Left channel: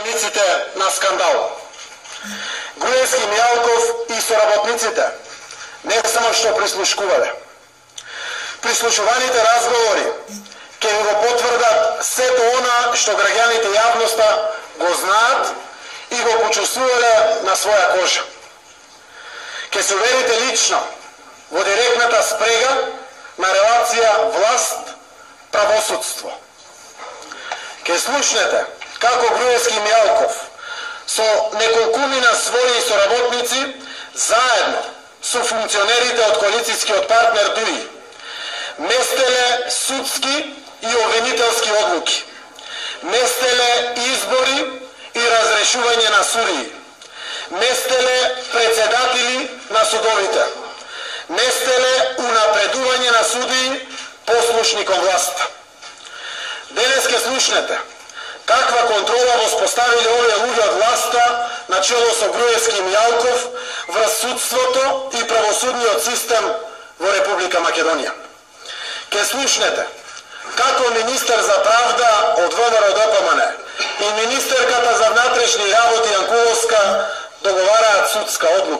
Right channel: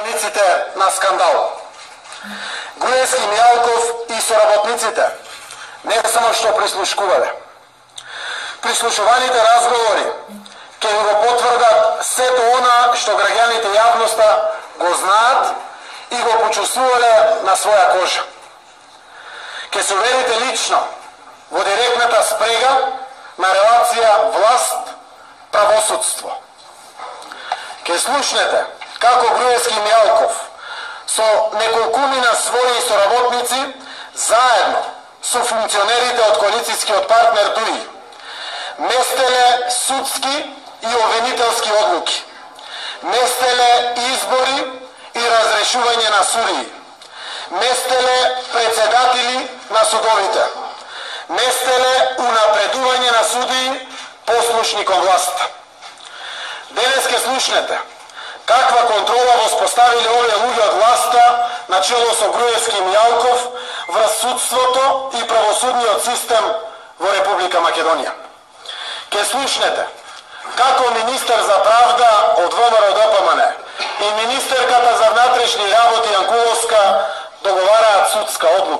Страниците на скандал. Груевски, Мијалков и соработниците не само што прислушкувале. Прислушуваните разговори ќе го потврдат сето она што граѓаните јавноста го знаат и го почувствувале на своја кожа. Ќе се уверите лично во директната спрега на релација власт-правосудство. Ќе слушнете како Груевски и Мијалков со неколкумина своји соработници заедно со функционерите од коалицијскиот партнер ДУИ местеле судски и обвинителски одлуки, местеле избори и разрешување на судии, местеле председатели на судовите, местеле унапредување на судии послушни кон власт. Денес ке слушнете каква контрола воспоставиле овие луѓе од власта на чело со Груевски и Мијалков врз судството и правосудниот систем во Република Македонија. Ке слушнете како министер за правда од ВМРО ДПМН и министерката за внатрешни работи Јанкуловска договараат судска одлука.